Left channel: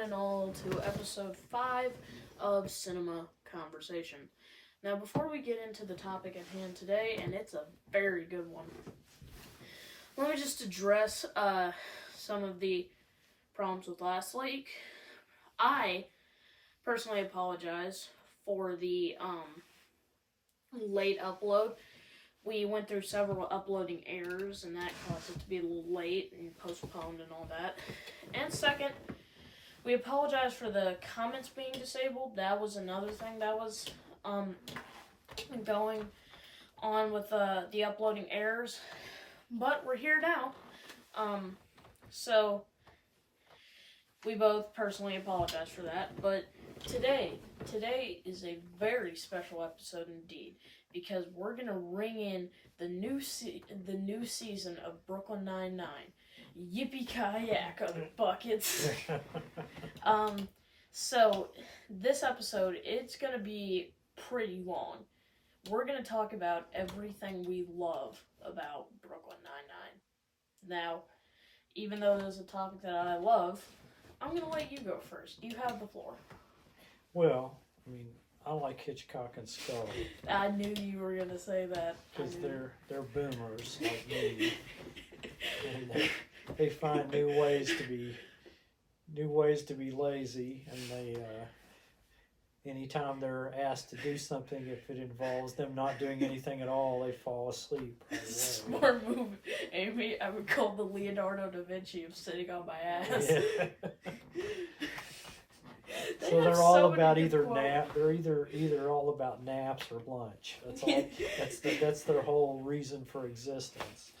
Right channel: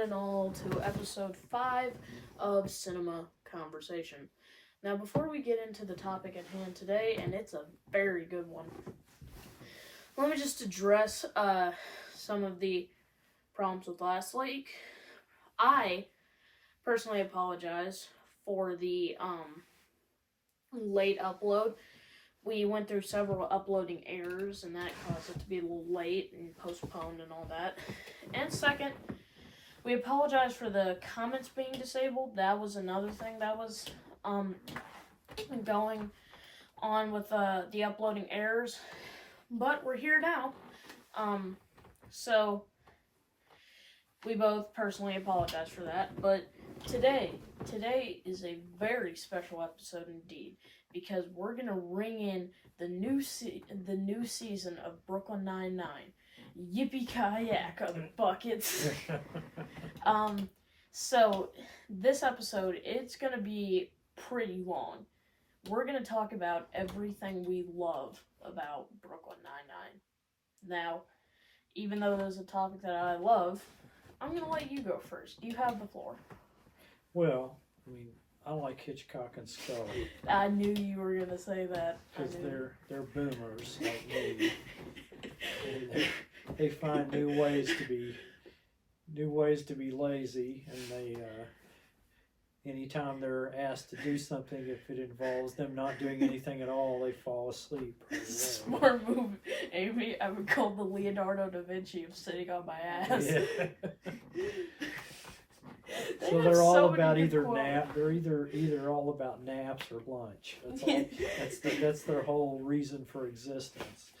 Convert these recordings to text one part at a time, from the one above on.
and all to episode 5 of Cinema Conversation. Now, before we get into the topic at hand today, and it's a very good one, let me just address some of the problems with last week. I personally apologize for the late upload. We went through several uploading errors, and that caused it to be a little late and postponed and all that. And second, we apologize for the comments being disabled. That was another thing that was going on with the uploading errors. But we're here now. So we both personally apologize for that. But today is a very special episode indeed, because we're gonna ring in the new season of Brooklyn Nine-Nine. Yippee-ki-yak, other buckets. So this episode, it's gonna be pretty long. We're gonna talk about everything we love about Brooklyn Nine-Nine. Now, even though there's a topic that I love, I'm gonna let you go first. You have the floor. Well, I mean, I like Hitchcock and Scully. I knew you were gonna say that. Because they're boomers like me. And they find new ways to be lazy, and they anytime they're asked to do something, if it involves them not doing anything at all, they fall asleep right away. Smart move, Amy. I would call the Leonardo da Vinci of sitting on my ass. Yeah. So they're all about either nap. They're either all about naps or lunch. That's all. That's their whole reason for existence.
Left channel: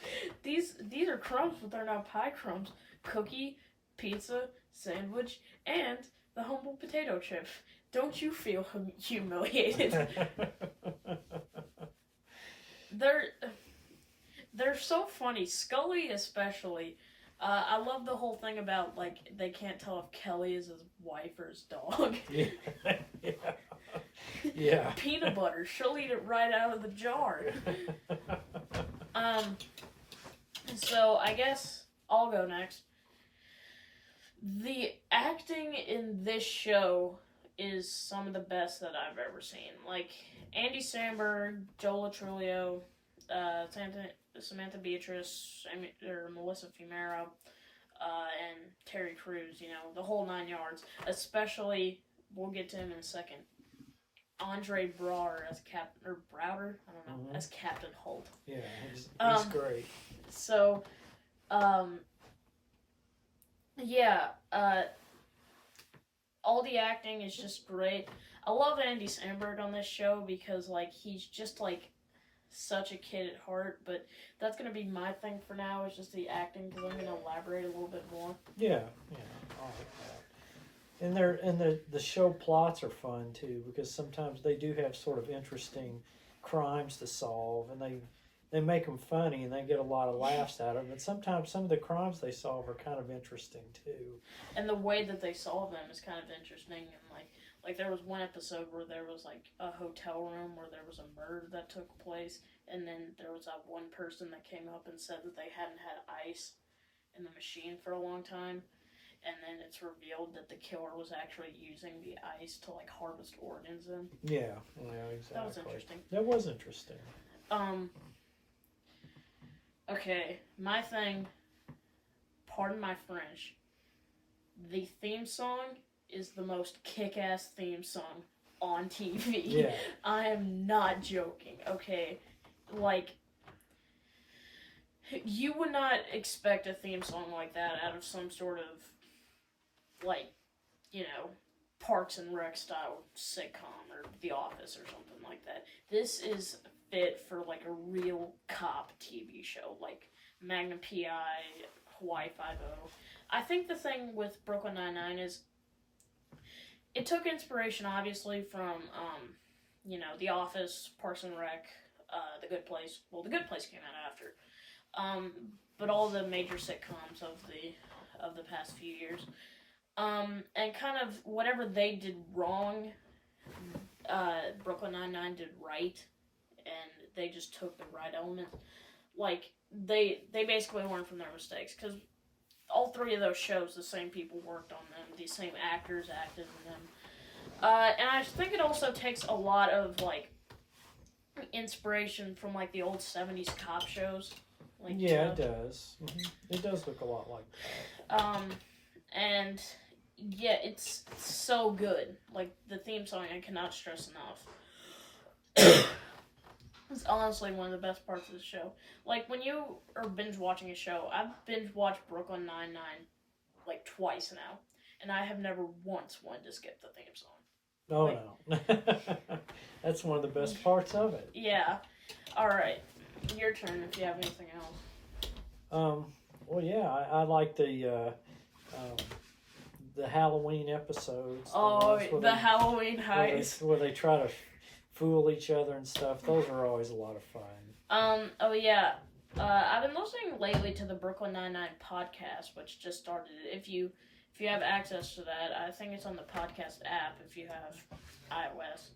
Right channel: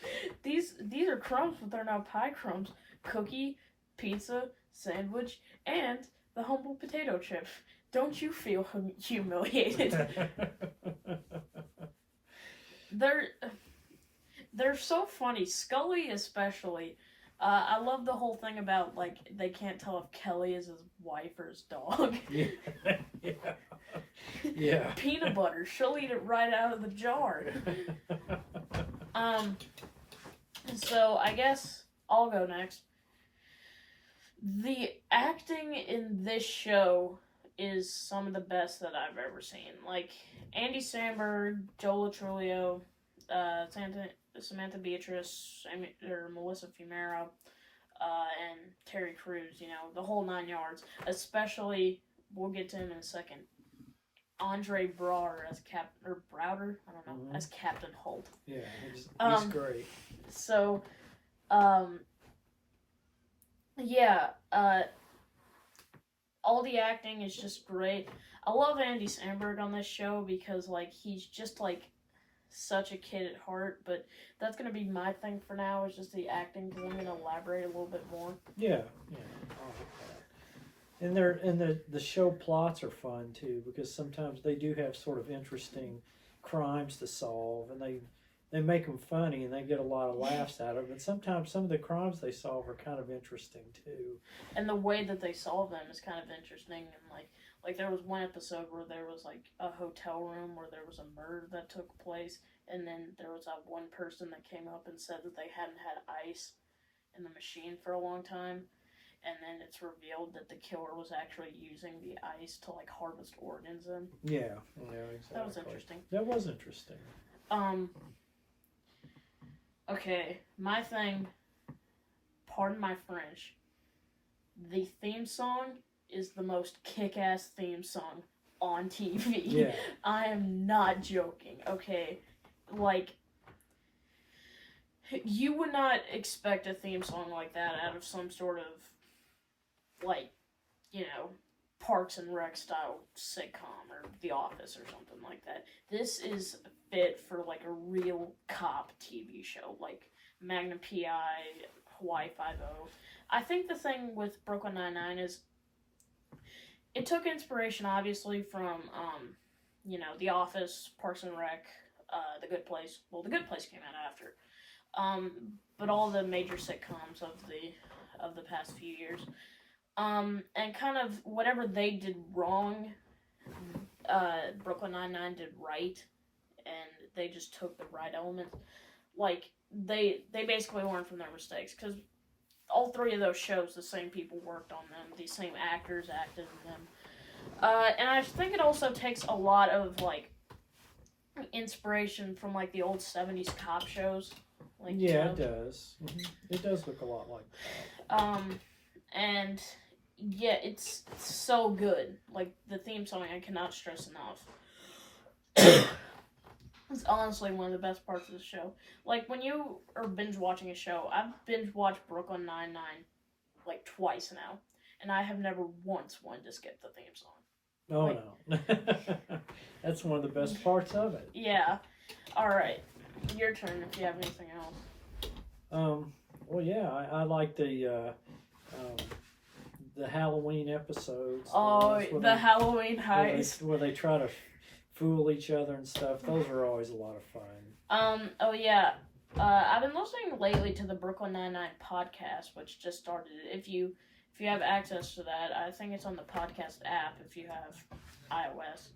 These are crumbs, but they're not pie crumbs. Cookie, pizza, sandwich, and the humble potato chip. Don't you feel humiliated? They're so funny. Scully especially. I love the whole thing about, like, they can't tell if Kelly is his wife or his dog. Yeah. Peanut butter. She'll eat it right out of the jar. So I guess I'll go next. The acting in this show is some of the best that I've ever seen. Like, Andy Samberg, Joe Latrulio, Samantha Beatrice, Melissa Fumero, and Terry Crews, the whole 9 yards. Especially, we'll get to him in a second, Andre Braugher as Browder, I don't know, as Captain Holt. Yeah, he's great. So, all the acting is just great. I love Andy Samberg on this show because, like, he's just, like, such a kid at heart, but that's going to be my thing for now, is just the acting, because I'm going to elaborate a little bit more. Yeah, I like that. And the show plots are fun, too, because sometimes they do have sort of interesting crimes to solve, and they make them funny, and they get a lot of laughs out of it, but sometimes some of the crimes they solve are kind of interesting, too. And the way that they solve them is kind of interesting, and, like there was one episode where there was, like, a hotel room where there was a murder that took place, and then there was that one person that came up and said that they hadn't had ice in the machine for a long time, and then it's revealed that the killer was actually using the ice to, like, harvest organs in. Yeah, exactly. That was interesting. That was interesting. Okay, my thing, pardon my French, the theme song is the most kick-ass theme song on TV. Yeah. I am not joking, okay? Like, you would not expect a theme song like that out of some sort of, like, Parks and Rec style sitcom or The Office or something like that. This is fit for, like, a real cop TV show, like Magnum P.I., Hawaii Five-0. I think the thing with Brooklyn Nine-Nine is it took inspiration, obviously, from, The Office, Parks and Rec, The Good Place. Well, The Good Place came out after. But all the major sitcoms of the past few years. And kind of whatever they did wrong, Brooklyn Nine-Nine did right, and they just took the right elements. Like, they basically learned from their mistakes, because all three of those shows, the same people worked on them. The same actors acted in them. And I think it also takes a lot of, like, inspiration from, like, the old 70s cop shows. Like, yeah, it does. It does look a lot like that. And, yeah, it's so good. Like, the theme song, I cannot stress enough. It's honestly one of the best parts of the show. Like, when you are binge watching a show, I've binge watched Brooklyn Nine-Nine, like, twice now. And I have never once wanted to skip the theme song. Oh, like, no. That's one of the best parts of it. Yeah. Alright. Your turn if you have anything else. Well, yeah, I like the Halloween episodes. Oh, the Halloween heist. Where they try to fool each other and stuff. Those are always a lot of fun. Oh yeah. I've been listening lately to the Brooklyn Nine-Nine podcast, which just started. If you have access to that, I think it's on the podcast app if you have iOS.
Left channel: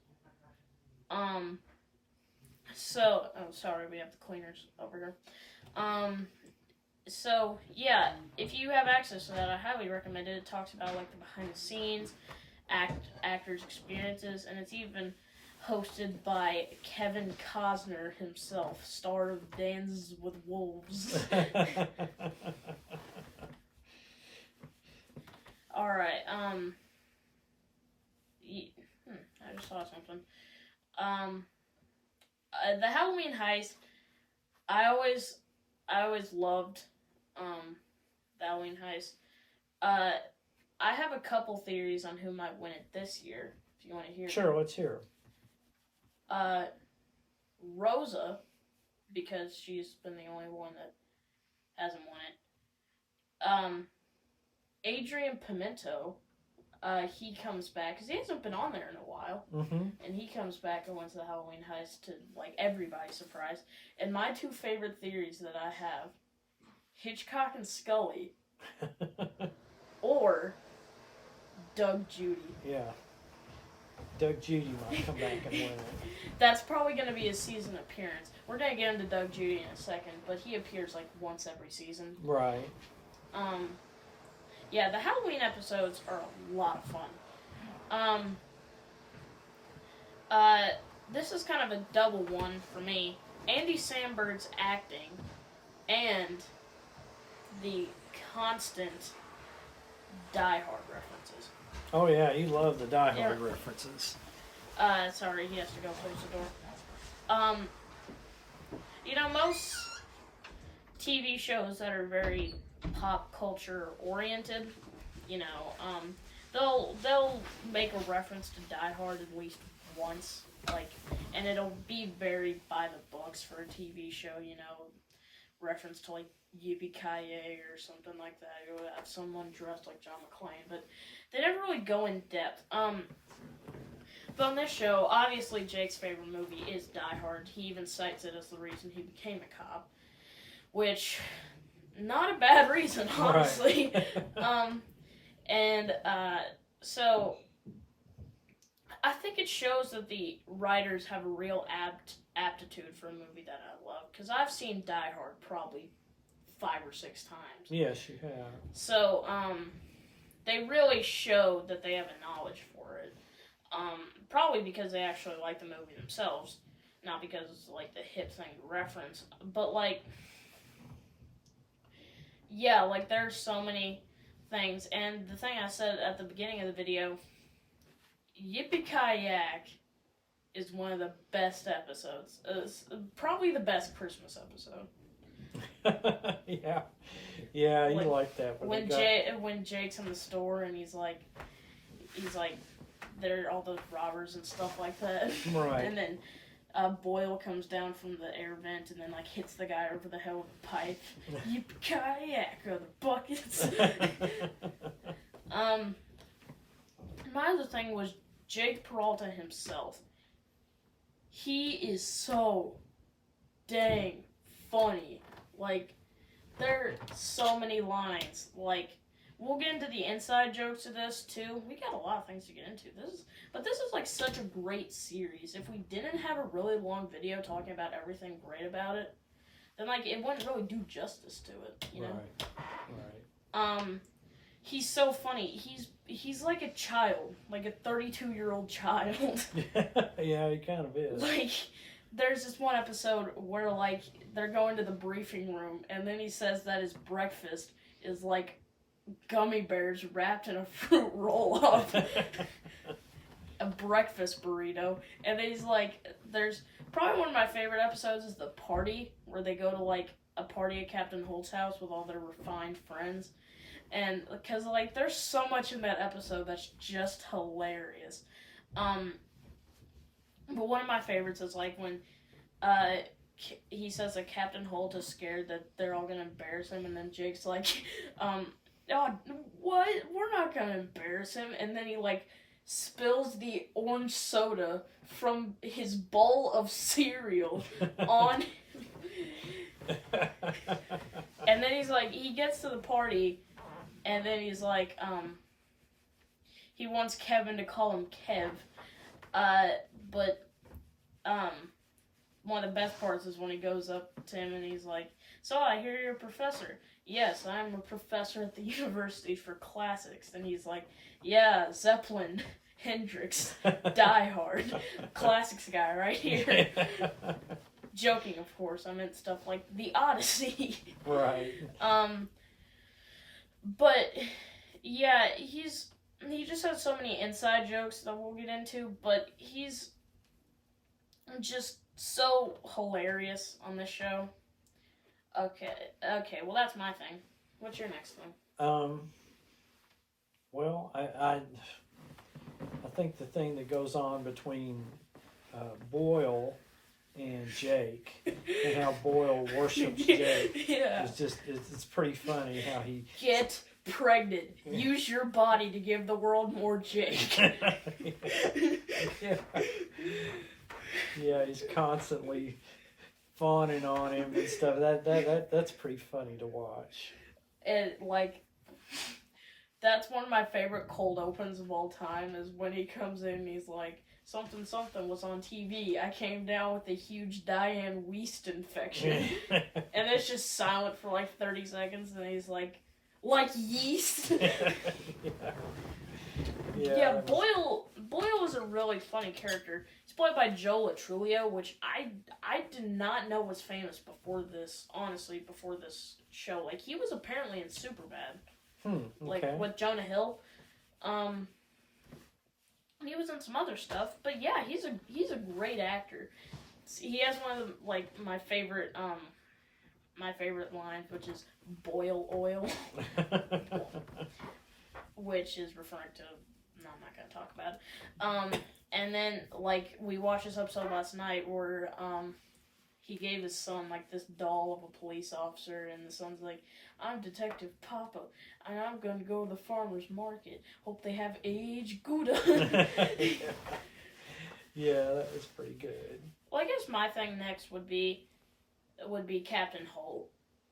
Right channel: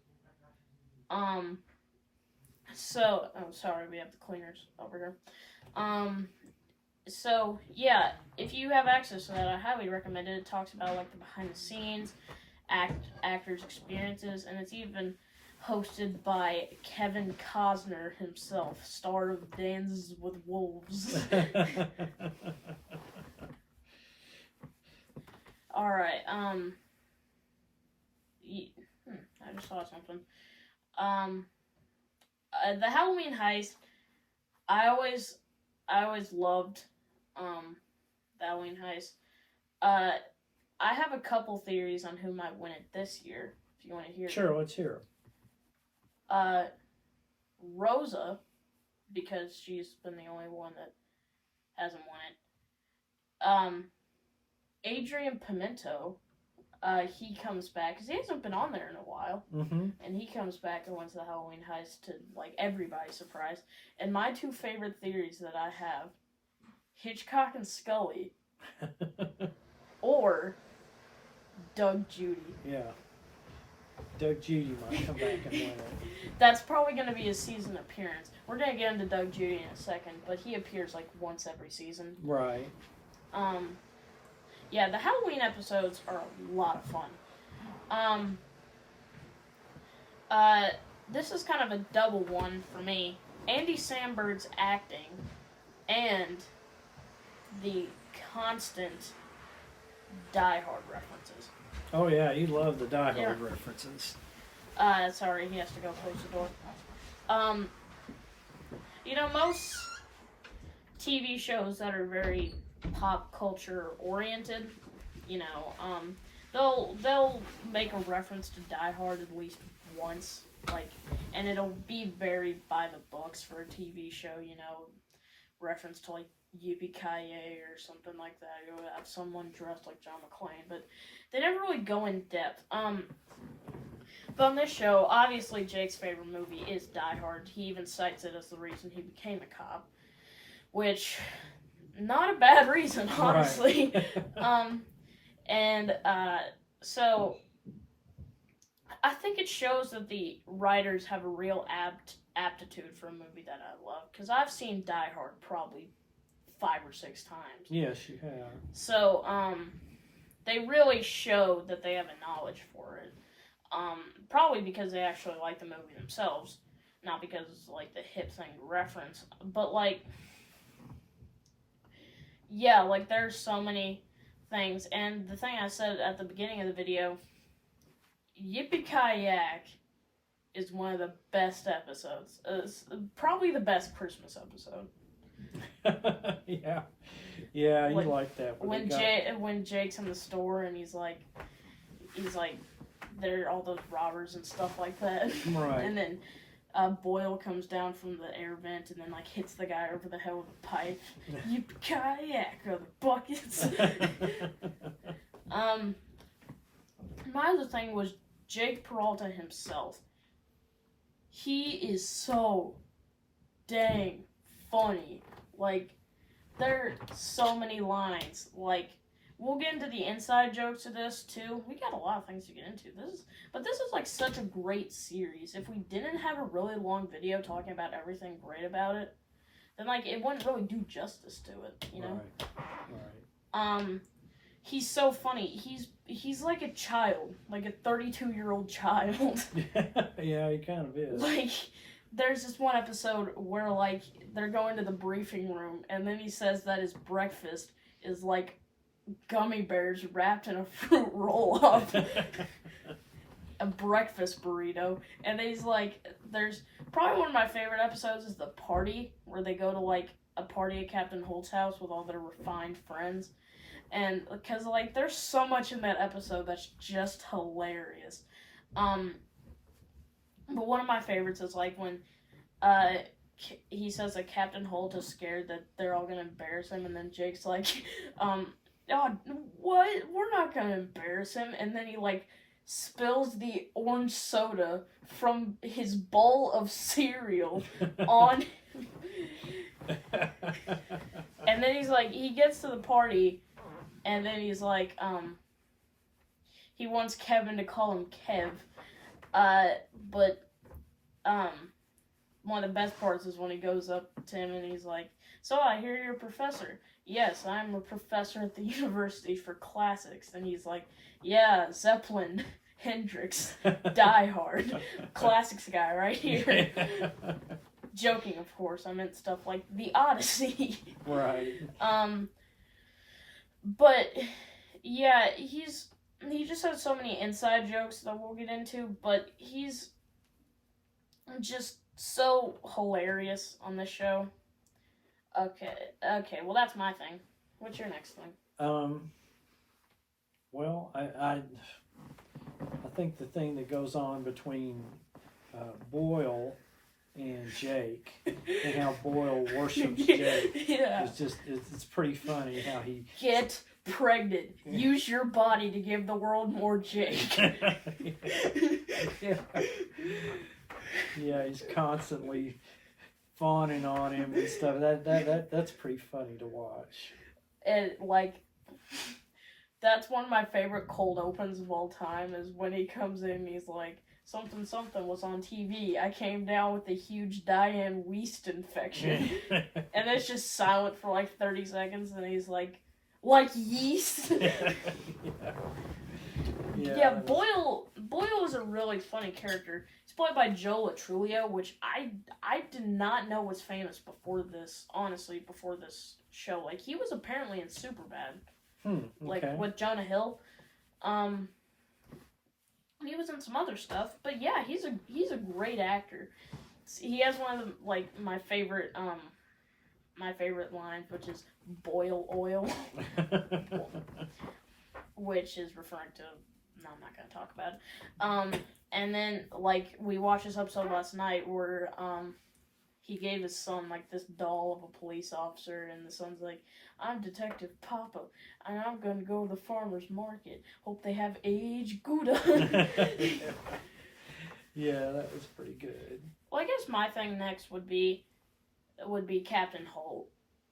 So, oh, sorry, we have the cleaners over here. So, yeah, if you have access to that, I highly recommend it. It talks about, like, the behind-the-scenes, actors' experiences, and it's even hosted by Kevin Costner himself, star of Dances with Wolves. Alright, I just saw something. The Halloween heist, I always loved, the Halloween heist. I have a couple theories on who might win it this year, if you want to hear Sure, them. let's hear Rosa, because she's been the only one that hasn't won it. Adrian Pimento, he comes back, because he hasn't been on there in a while, and he comes back and wins the Halloween heist to, like, everybody's surprise. And my two favorite theories that I have, Hitchcock and Scully, or Doug Judy. Yeah. Doug Judy might come back and win it. That's probably going to be a season appearance. We're going to get into Doug Judy in a second, but he appears like once every season. Right. Yeah, the Halloween episodes are a lot of fun. This is kind of a double one for me. Andy Samberg's acting and the constant Die Hard references. Oh, yeah, you love the Die Hard references. Sorry, he has to go close the door. You know, most TV shows that are very pop culture oriented, you know, they'll make a reference to Die Hard at least once, like, and it'll be very by the books for a TV show, you know, reference to, like, Yippee-Ki-Yay or something like that. You'll have someone dressed like John McClane, but they never really go in depth. But on this show, obviously Jake's favorite movie is Die Hard. He even cites it as the reason he became a cop, which, not a bad reason, honestly. Right. So I think it shows that the writers have a real aptitude for a movie that I love, because I've seen Die Hard probably 5 or 6 times. Yes, you have. So, they really show that they have a knowledge for it. Probably because they actually like the movie themselves, not because it's, like, the hip thing to reference. But, like, yeah, like, there's so many things. And the thing I said at the beginning of the video, Yippee-Ki-Yak is one of the best episodes. It's probably the best Christmas episode. Yeah, you like that. When Jake's in the store and he's like, there are all those robbers and stuff like that. Right. And then Boyle comes down from the air vent and then, like, hits the guy over the head with a pipe. Yippee-Ki-Yak, or the buckets. My other thing was Jake Peralta himself. He is so dang funny. Like, there are so many lines. Like, we'll get into the inside jokes of this, too. We got a lot of things to get into. But this is, like, such a great series. If we didn't have a really long video talking about everything great about it, then, like, it wouldn't really do justice to it, you know? He's so funny. He's like a child, like a 32-year-old child. Yeah, he kind of is. Like, there's this one episode where, like, they're going to the briefing room, and then he says that his breakfast is, like, gummy bears wrapped in a fruit roll-up. A breakfast burrito. And then he's like, there's probably one of my favorite episodes is the party, where they go to, like, a party at Captain Holt's house with all their refined friends. And, because, like, there's so much in that episode that's just hilarious. But one of my favorites is, like, when, he says that Captain Holt is scared that they're all gonna embarrass him, and then Jake's like, oh, what? We're not gonna embarrass him. And then he, like, spills the orange soda from his bowl of cereal on... And then he's like, he gets to the party, and then he's like, he wants Kevin to call him Kev. But one of the best parts is when he goes up to him and he's like, so I hear you're a professor. Yes, I'm a professor at the University for Classics. And he's like, yeah, Zeppelin, Hendrix, Die Hard, Classics guy right here. Joking, of course. I meant stuff like The Odyssey. Right. But yeah, he just has so many inside jokes that we'll get into, but he's just so hilarious on this show. Okay, well that's my thing. What's your next thing? Well, I think the thing that goes on between Boyle and Jake, and how Boyle worships Jake, yeah. it's pretty funny how he... Get pregnant. Use your body to give the world more Jake. Yeah, he's constantly fawning on him and stuff. That's pretty funny to watch. And, like, that's one of my favorite cold opens of all time, is when he comes in and he's like, something was on TV. I came down with a huge Diane Weist infection. And it's just silent for like 30 seconds, and he's like yeast? Yeah, Boyle is a really funny character. He's played by Joe Latrulio, which I did not know was famous before this, honestly, before this show. Like, he was apparently in Superbad. Okay. Like, with Jonah Hill. He was in some other stuff, but yeah, he's a great actor. He has one of the, like, my favorite lines, which is boil oil, which is referring to, no, I'm not gonna talk about it. And then, like, we watched this episode last night where he gave his son, like, this doll of a police officer, and the son's like, I'm Detective Papa, and I'm going to go to the farmer's market. Hope they have aged Gouda. Yeah, that was pretty good. Well, I guess my thing next would be Captain Holt.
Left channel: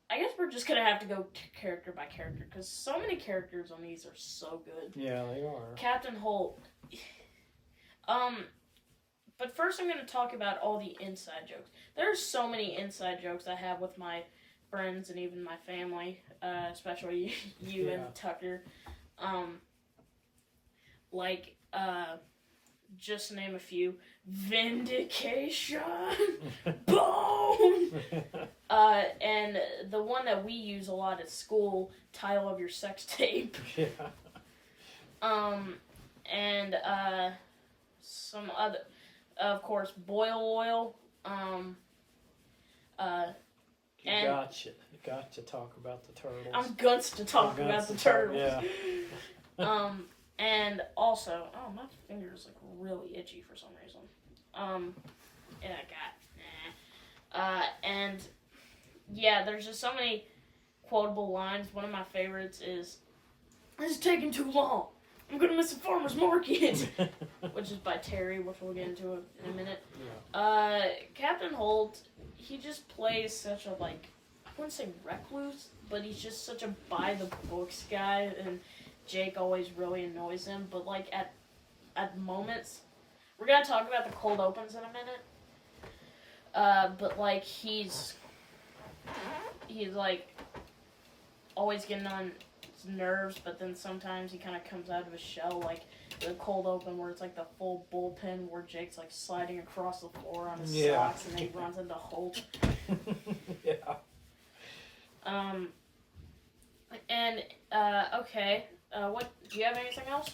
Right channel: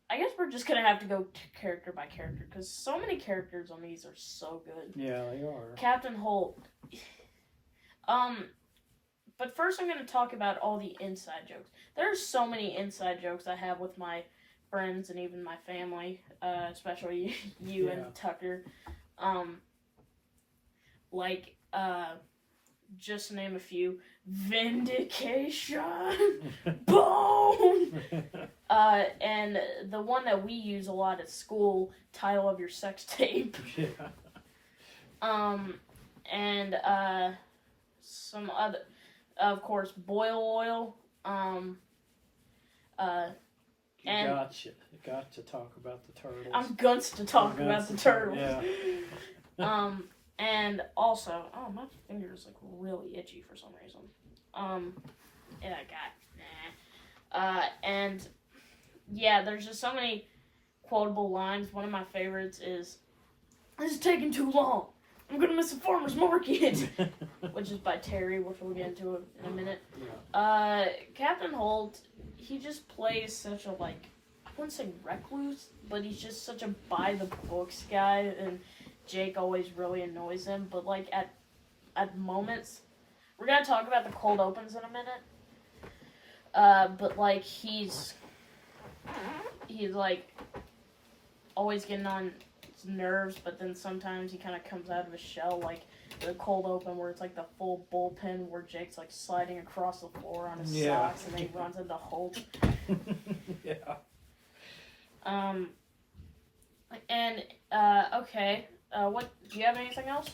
I guess we're just going to have to go character by character, because so many characters on these are so good. Yeah, they are. Captain Holt. But first I'm going to talk about all the inside jokes. There are so many inside jokes I have with my friends and even my family, especially you and Tucker. Just to name a few. Vindication! Bone! And the one that we use a lot at school, title of your sex tape. Yeah. And some other, of course, boil oil. You got to talk about the turtles. I'm guns to talk about the turtles. Yeah. And also, my finger's like really itchy for some reason. And yeah, there's just so many quotable lines. One of my favorites is, "This is taking too long. I'm gonna miss the farmer's market," which is by Terry, which we'll get into in a minute. Yeah. Captain Holt, he just plays such a, like, I wouldn't say recluse, but he's just such a by-the-books guy, and Jake always really annoys him, but, like, at moments, we're gonna talk about the cold opens in a minute, but, like, he's like, always getting on nerves, but then sometimes he kind of comes out of his shell, like the cold open where it's like the full bullpen where Jake's like sliding across the floor on his socks and then he runs into Hulk. Yeah. Okay. What do you have anything else?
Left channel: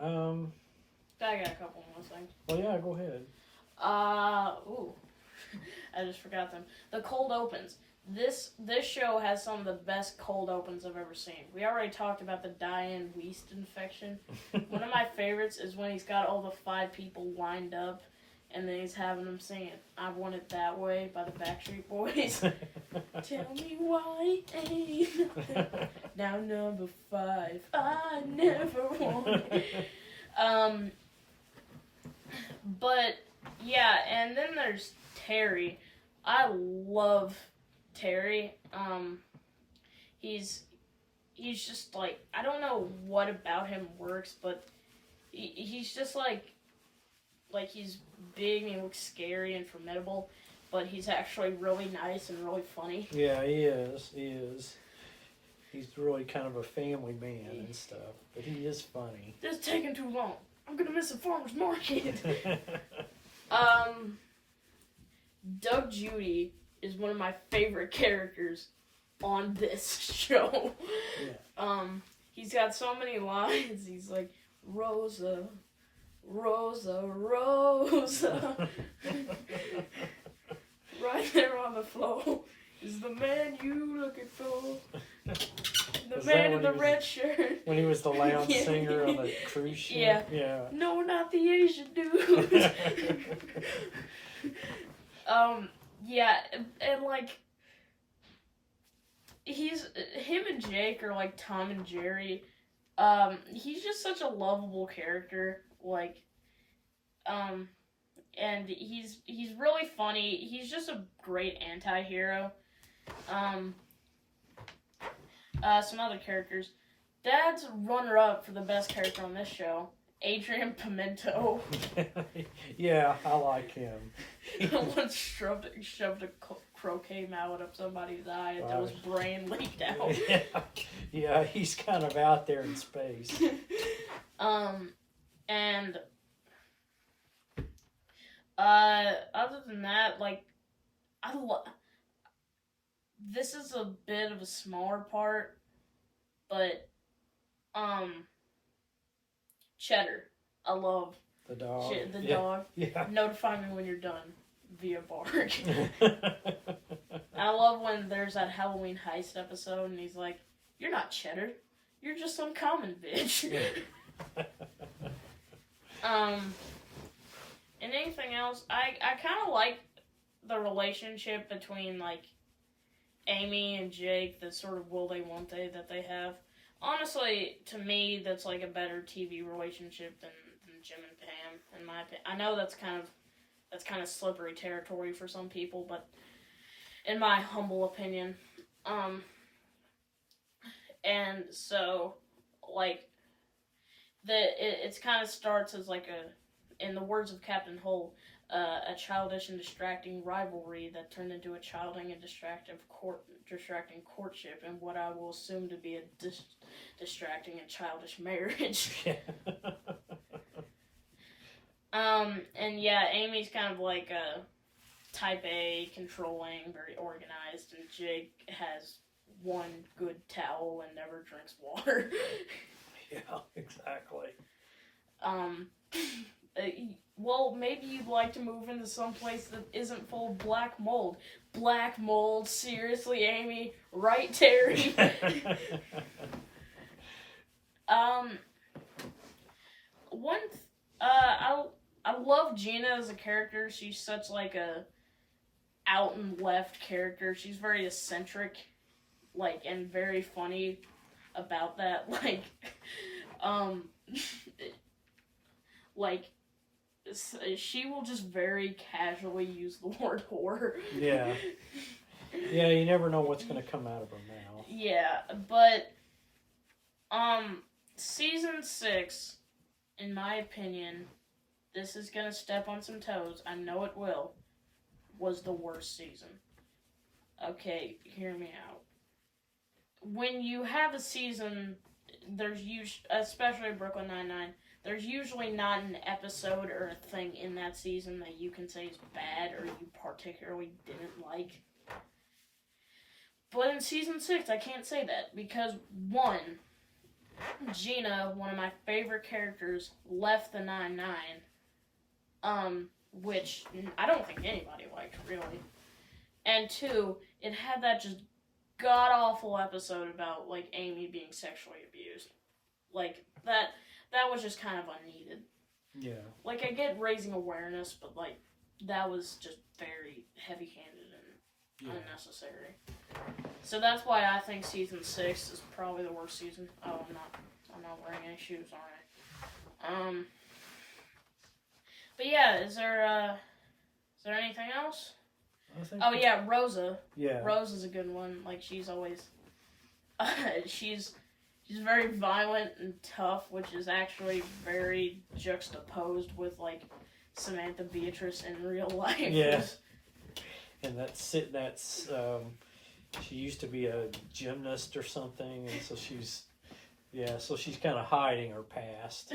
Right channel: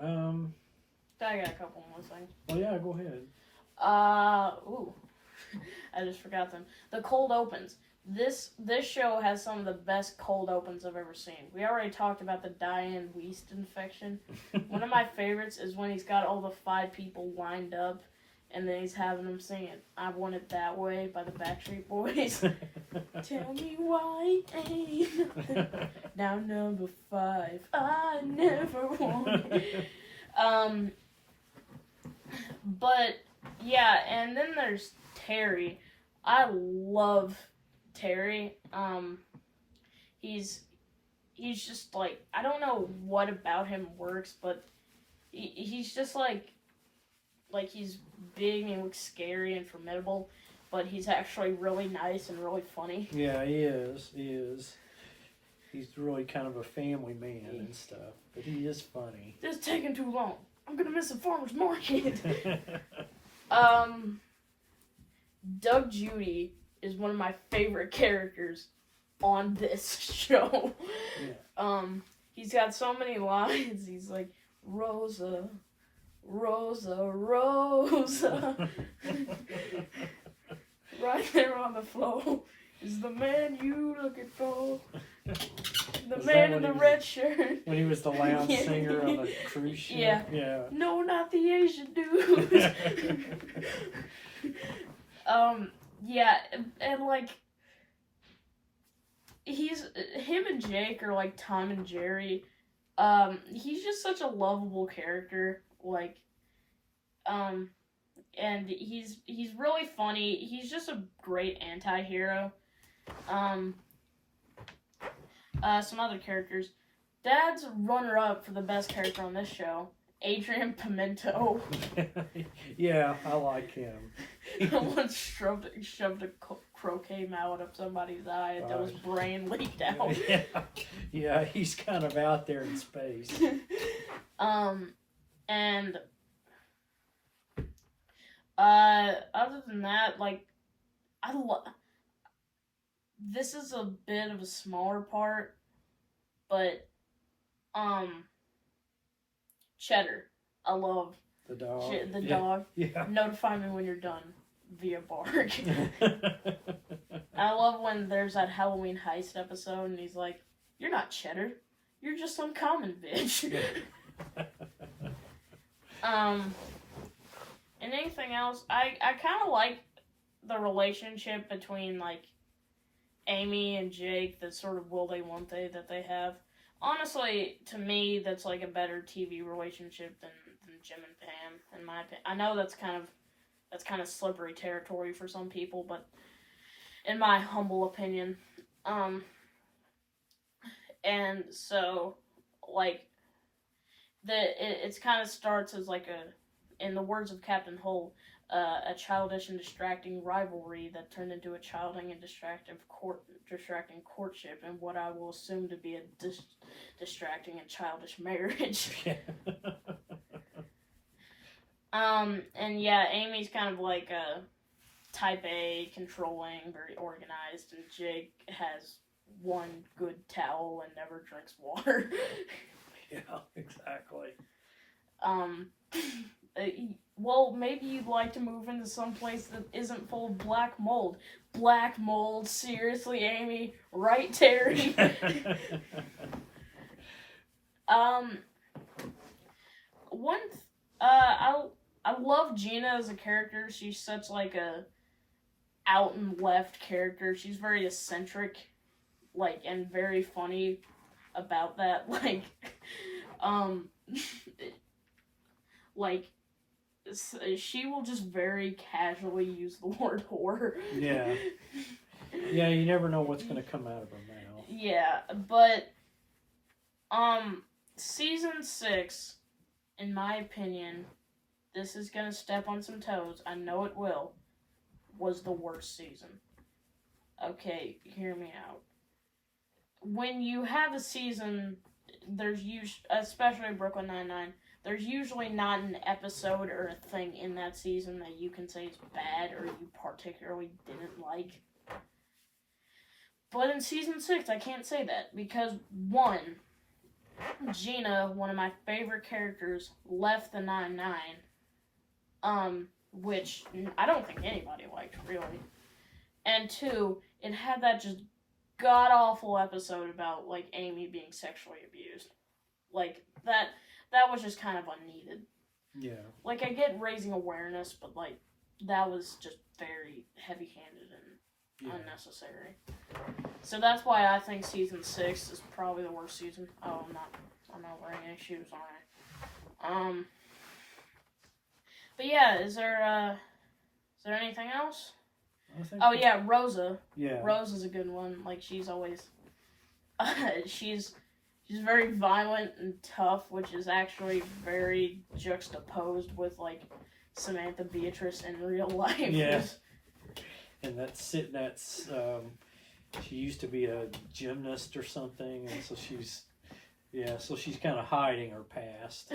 I got a couple more things. Well, yeah, go ahead. Ooh. I just forgot them. The cold opens. This show has some of the best cold opens I've ever seen. We already talked about the Diane Weist infection. One of my favorites is when he's got all the 5 people lined up, and then he's having them singing "I Want It That Way" by the Backstreet Boys. Tell me why ain't nothing. Now number 5, I never wanted. But yeah, and then there's Terry. I love Terry. He's just like, I don't know what about him works, but he's just like he's big and looks scary and formidable, but he's actually really nice and really funny. Yeah, he is. He's really kind of a family man and stuff, but he is funny. This is taking too long. I'm gonna miss the farmer's market. Doug Judy is one of my favorite characters on this show. Yeah. He's got so many lines. He's like, Rosa, Rosa, Rosa. Right there on the floor is the man you looking for. The man in the red shirt. When he was the lounge singer on the cruise ship? Yeah. Yeah. No, not the Asian dude. Yeah, and like, him and Jake are like Tom and Jerry. He's just such a lovable character, like, and he's really funny. He's just a great anti-hero. Some other characters. Dad's runner-up for the best character on this show, Adrian Pimento. Yeah, I like him. Once shoved a croquet mallet up somebody's eye until his brain leaked out. Yeah, he's kind of out there in space. And other than that, like, this is a bit of a smaller part, but Cheddar, I love the dog. The dog. Yeah. Notify me when you're done via bark. I love when there's that Halloween heist episode and he's like, "You're not Cheddar, you're just some common bitch." And anything else? I kind of like the relationship between like Amy and Jake, the sort of will they won't they that they have. Honestly, to me, that's like a better TV relationship than Jim and Pam, in my opinion. I know that's kind of slippery territory for some people, but in my humble opinion, and so like it's kind of starts as like in the words of Captain Hull, a childish and distracting rivalry that turned into a childish and distracting courtship, and what I will assume to be a distracting and childish marriage. And yeah, Amy's kind of like a type A, controlling, very organized, and Jake has one good towel and never drinks water. Yeah, exactly. Well, maybe you'd like to move into some place that isn't full of black mold. Black mold? Seriously, Amy? Right, Terry? I love Gina as a character. She's such like a out and left character. She's very eccentric, like, and very funny about that. Like, like, she will just very casually use the word whore. Yeah. Yeah, you never know what's going to come out of her mouth. Yeah, but, season 6, in my opinion, this is going to step on some toes, I know it will, was the worst season. Okay, hear me out. when you have a season, there's especially Brooklyn Nine-Nine, there's usually not an episode or a thing in that season that you can say is bad or you particularly didn't like. But in season 6, I can't say that because, one, Gina, one of my favorite characters, left the 9-9, which I don't think anybody liked, really. And two, it had that just god-awful episode about, like, Amy being sexually abused. Like, that was just kind of unneeded. Yeah. Like, I get raising awareness, but, like, that was just very heavy-handed and unnecessary. So that's why I think season 6 is probably the worst season. Oh, I'm not wearing any shoes, alright. But yeah, is there anything else? Oh yeah, Rosa. Yeah. Rosa's a good one. Like, she's always she's very violent and tough, which is actually very juxtaposed with, like, Samantha Beatrice in real life. Yeah. And she used to be a gymnast or something, and so she's kind of hiding her past.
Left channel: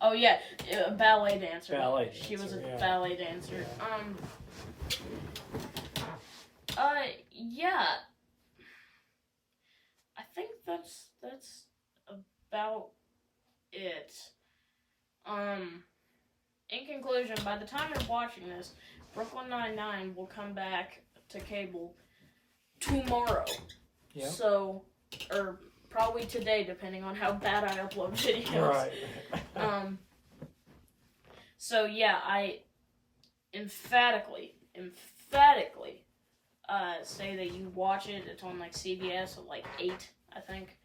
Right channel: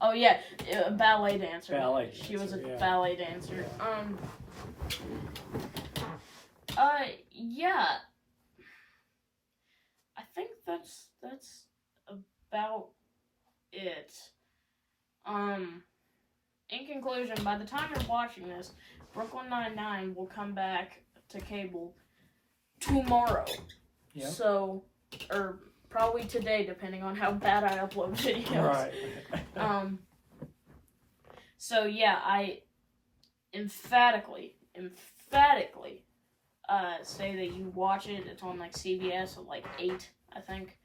Oh yeah, a ballet dancer. She was a yeah. ballet dancer. Yeah. I think that's about it. In conclusion, by the time you're watching this, Brooklyn Nine-Nine will come back to cable tomorrow. Yep. So, or probably today, depending on how bad I upload videos. Right. So yeah, I emphatically say that you watch it. It's on, like, CBS at, like, 8, I think.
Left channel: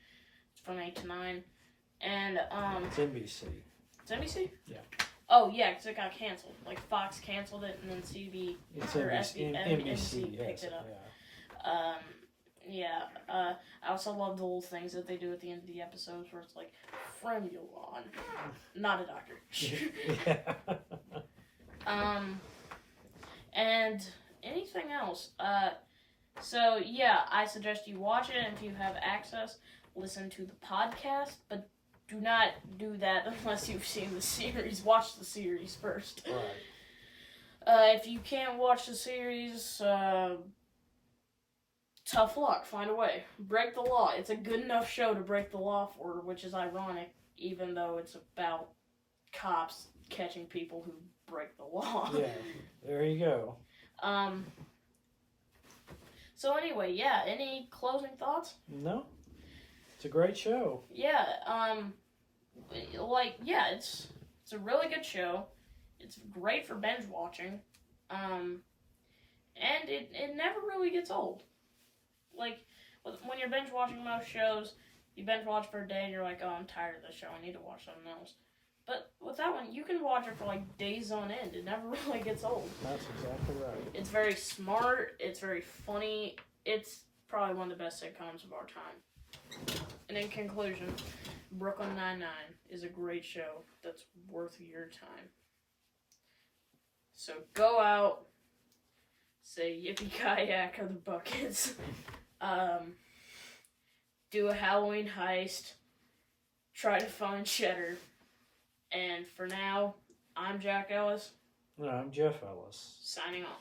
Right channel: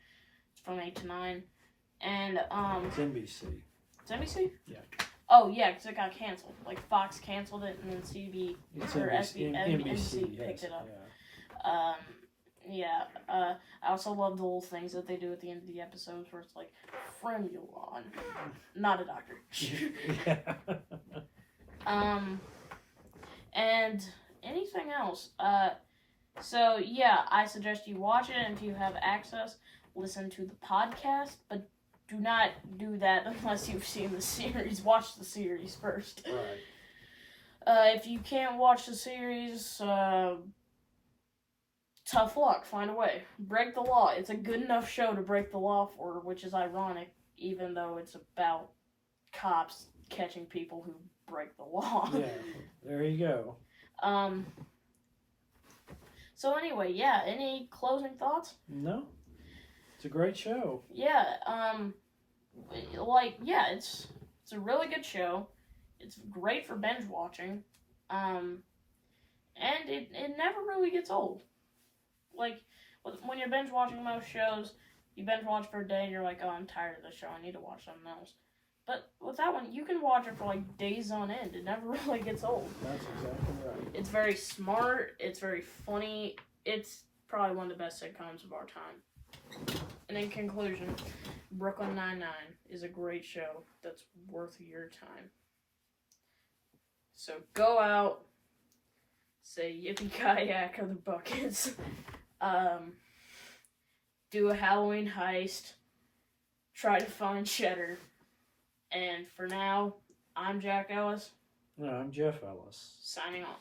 It's from 8 to 9. And, It's NBC. It's NBC? Yeah. Oh, yeah, because it got canceled. Like, Fox canceled it, and then NBC NBC picked it up. Yeah. I also love the little things that they do at the end of the episodes where it's like, Fremulon. Not a doctor. Yeah. And anything else? So yeah, I suggest you watch it, and if you have access, listen to the podcast, but do not do that unless you've seen the series. Watch the series first. Right. If you can't watch the series, tough luck. Find a way. Break the law. It's a good enough show to break the law for, which is ironic, even though it's about cops catching people who break the law. Yeah, there you go. So anyway, yeah, any closing thoughts? No, it's a great show. Yeah, it's a really good show. It's great for binge watching. And it never really gets old. Like, when you're binge watching most shows, you binge watch for a day and you're like, oh, I'm tired of this show, I need to watch something else. But with that one, you can watch it for, like, days on end. It never really gets old. That's exactly right. It's very smart. It's very funny. It's probably one of the best sitcoms of our time. And in conclusion, Brooklyn Nine-Nine is a great show that's worth your time. So go out, say yippee-ki-yak of the buckets, do a Halloween heist, try to find Cheddar. And for now, I'm Jack Ellis. No, I'm Jeff Ellis. Signing off.